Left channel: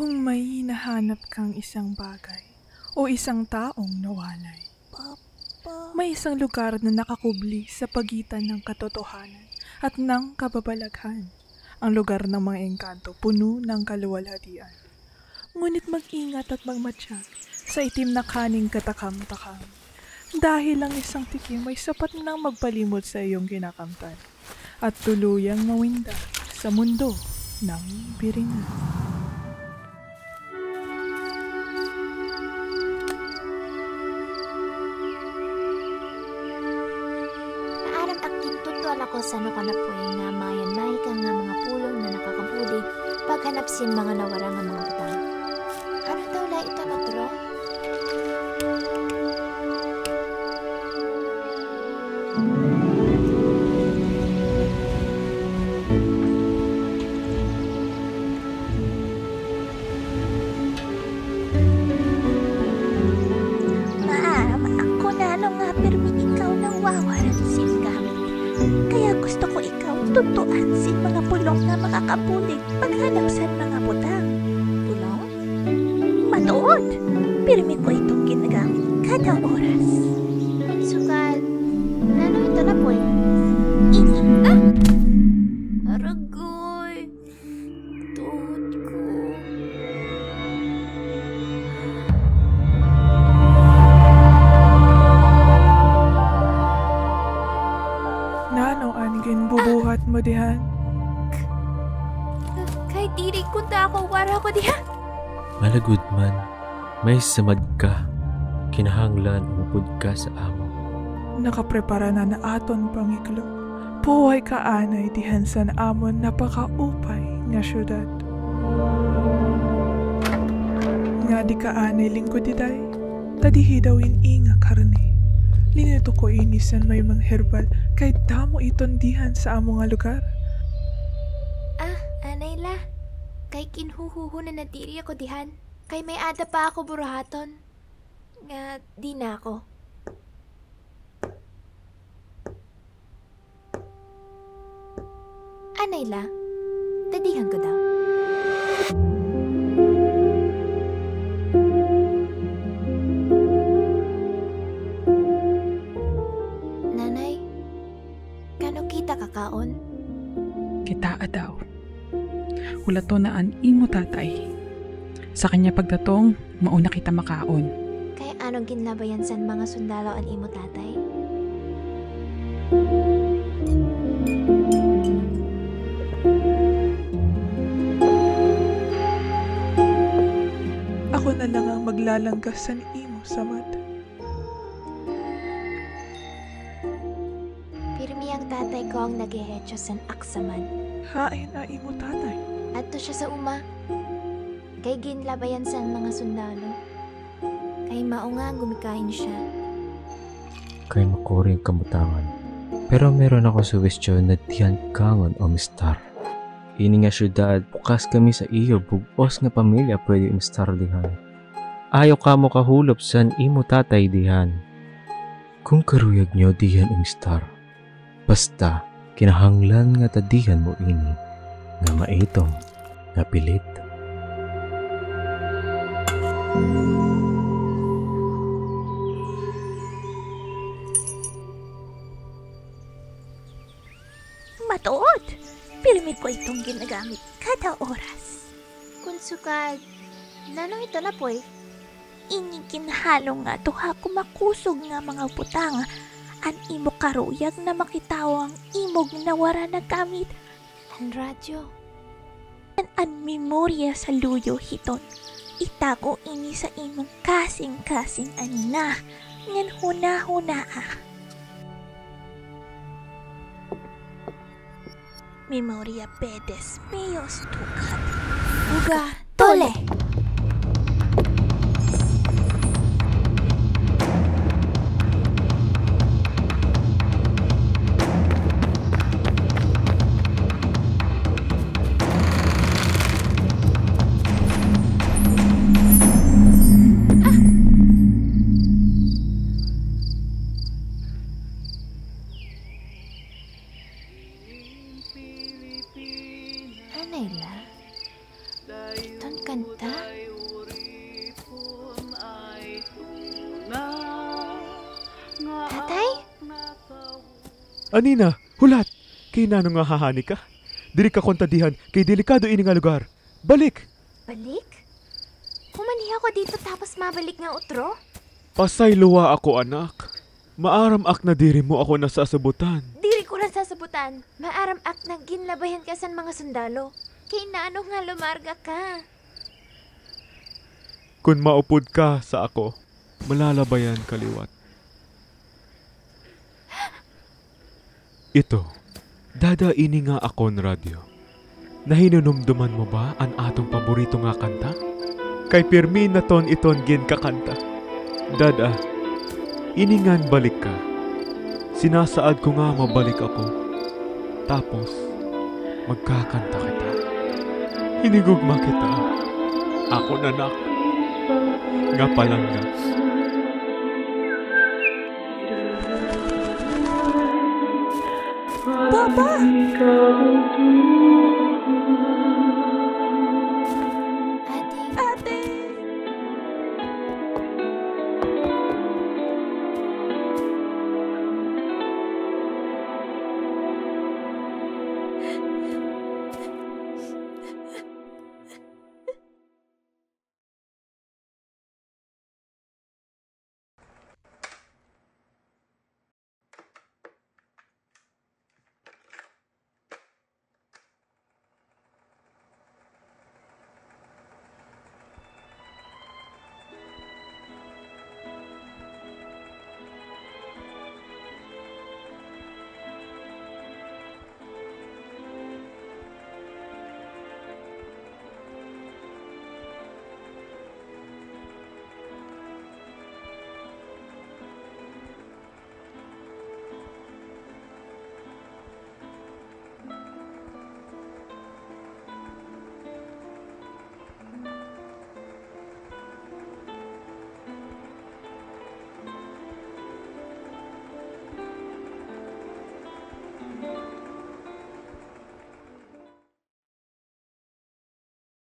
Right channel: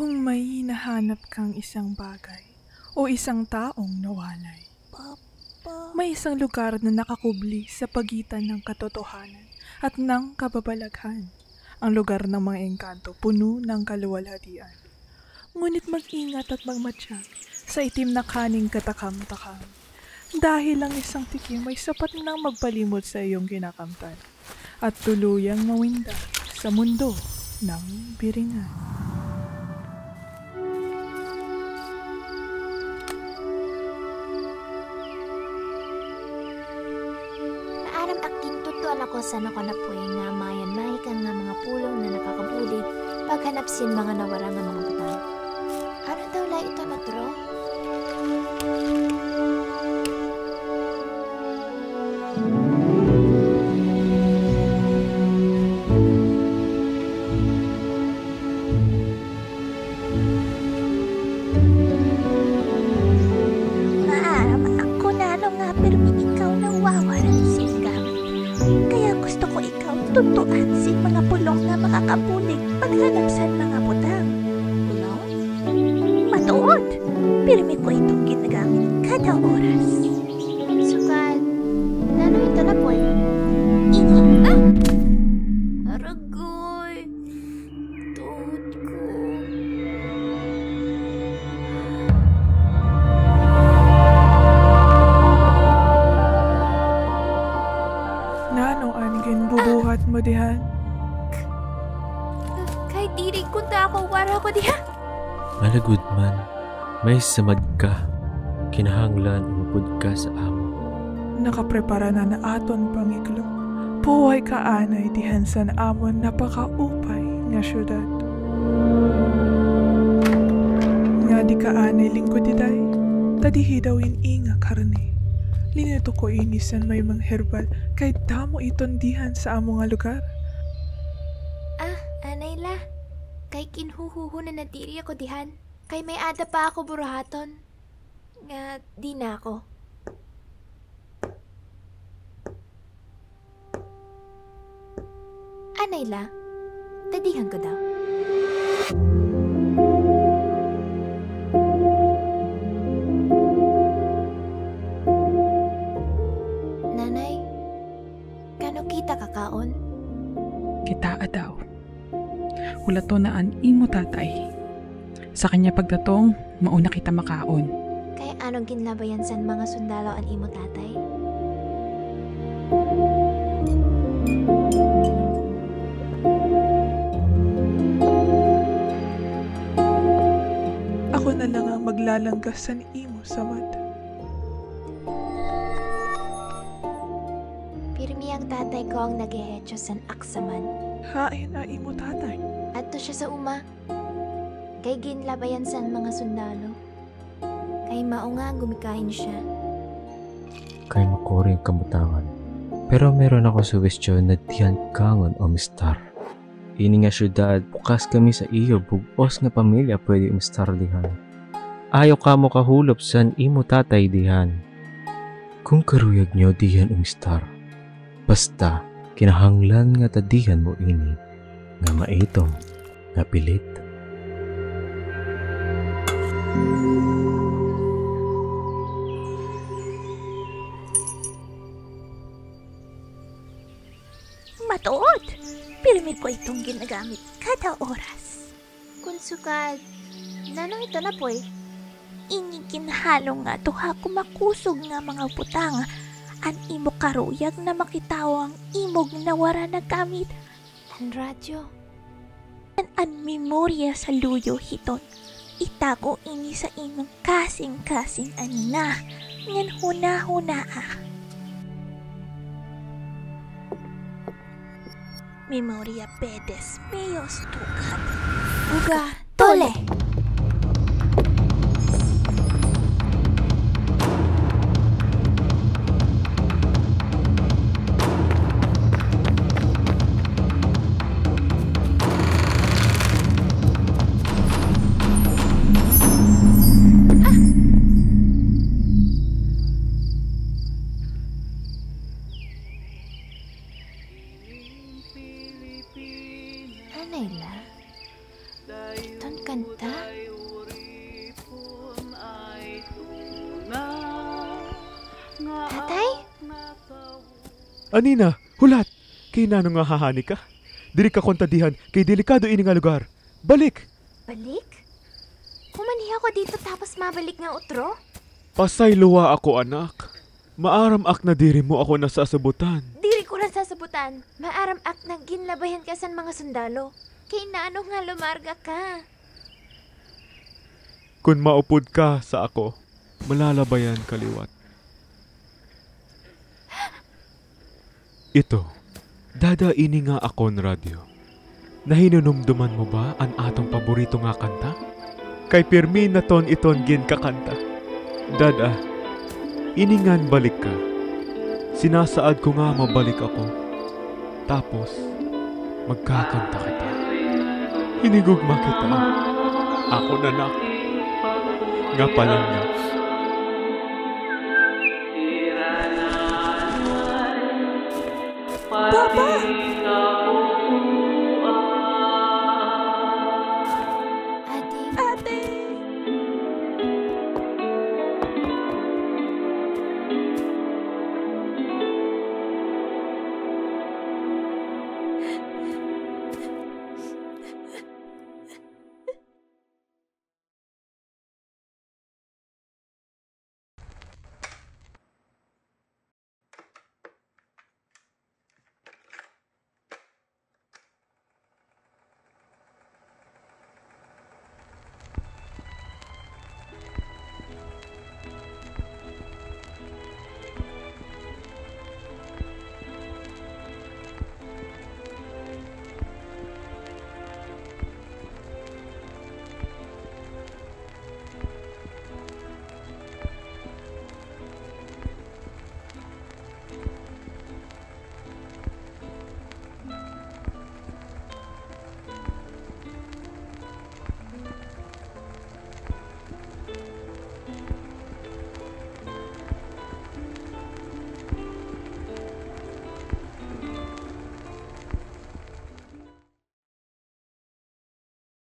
Kung may hinahanap kang isang bagay o isang taong nawalay, may isang lugar na nakakubli sa pagitan ng katotohanan at ng kababalaghan. Ang lugar ng mga engkanto, puno ng kaluwalhatian. Ngunit mag-ingat at magmatsyag sa itim na kaning katakam-takam. Dahil ang isang tikim ay sapat nang magpalimot sa iyong kinakamtan at tuluyang mawinda sa mundo ng biringan. Maaram aking tutuan ako sa nakanapoy nga mayan mahika nga mga pulong na nakakabulig paghanapsin mga nawara nga mga butang. Ano daw la ito notro? Maaram ako na nga permi ikaw na wawaran sin gamit. Kaya gusto ko ikaw tutuan sin mga pulong na makakabulig paghanap san mga butang. Pulong? Matuod! Pirmi ko itong ginagamit kada oras. Kung sukad, nano ito na poy? Ini. Aragoy! Tuhod ko. Nano anigin bubuhat mo dihan? Kahit diri ko ta ako wara ko diha. Malagud man, may samad ka. Kinahanglan umupod ka sa amo. Nakaprepara na aton pangiklo. Puhay ka anay dihan sa amon napakaupay nga syudad. Nga di ka anay lingkod diday, tadihi dawin inga karne. Linito ko inisan may mga herbal kahit damo iton dihan sa amo nga lugar. Anay la. Kay kinhuhuhu na natiri ako dihan. Kay may ada pa ako burahaton. Nga di na ako. Anay la. Tadihan ko daw. Nanay, kano kita kakaon? Kita daw. Wala to na an imo tatay. Sa kanya pagdatong, mauna kita makaon. Kay anong ginlabayan san mga sundalo an imo tatay? Ako na lang ang maglalanggas sa imo samad. Pirmi ang tatay ko ang naghehetso san aksaman. Hain na imo tatay. Adto siya sa uma. Kay ginlabayan san mga sundalo. Kay mao nga gumikain siya. Kay makuri ang kamutangan. Pero meron ako suwestyon na diyan kangon o mistar. Ini nga syudad, bukas kami sa iyo, bugos nga pamilya pwede umistar dihan. Ayaw ka mo kahulop san imo tatay dihan. Kung karuyag nyo dihan umistar, basta kinahanglan nga tadihan mo ini, nga maitom, nga pilit. Matuod! Pirmi ko itong ginagamit kada oras. Kung sukad, nanong ito na poy? Ini ginhalo nga tuha kumakusog nga mga butang. An imo karuyag na makitawang imog na wara na gamit. An radyo. An memorya sa luyo hiton. Itago ini sa imong kasing-kasing anina. Ngan huna-huna Memoria pedes meos tukat. Uga, tole! Anayla, iton kanta. Anina, hulat! Kay nano nga hahani ka? Diri ka kontadihan kay delikado ini nga lugar. Balik! Balik? Humaniha ko dito tapos mabalik nga utro? Pasay luwa ako, anak. Maaram ak na diri mo ako nasasabutan. Diri ko lang sasabutan. Maaram ak na ginlabayan ka sa mga sundalo. Kay naano nga lumarga ka. Kung maupod ka sa ako, malalabayan kaliwat. Ito, dadaini nga akon radyo. Nahinunumduman mo ba ang atong paborito nga kanta? Kay pirmi na ton iton gin kakanta. Dada, iningan balik ka. Sinasaad ko nga mabalik ako. Tapos, magkakanta kita. Hinigugma kita. Ako nanak. Nga palang nga. Papa!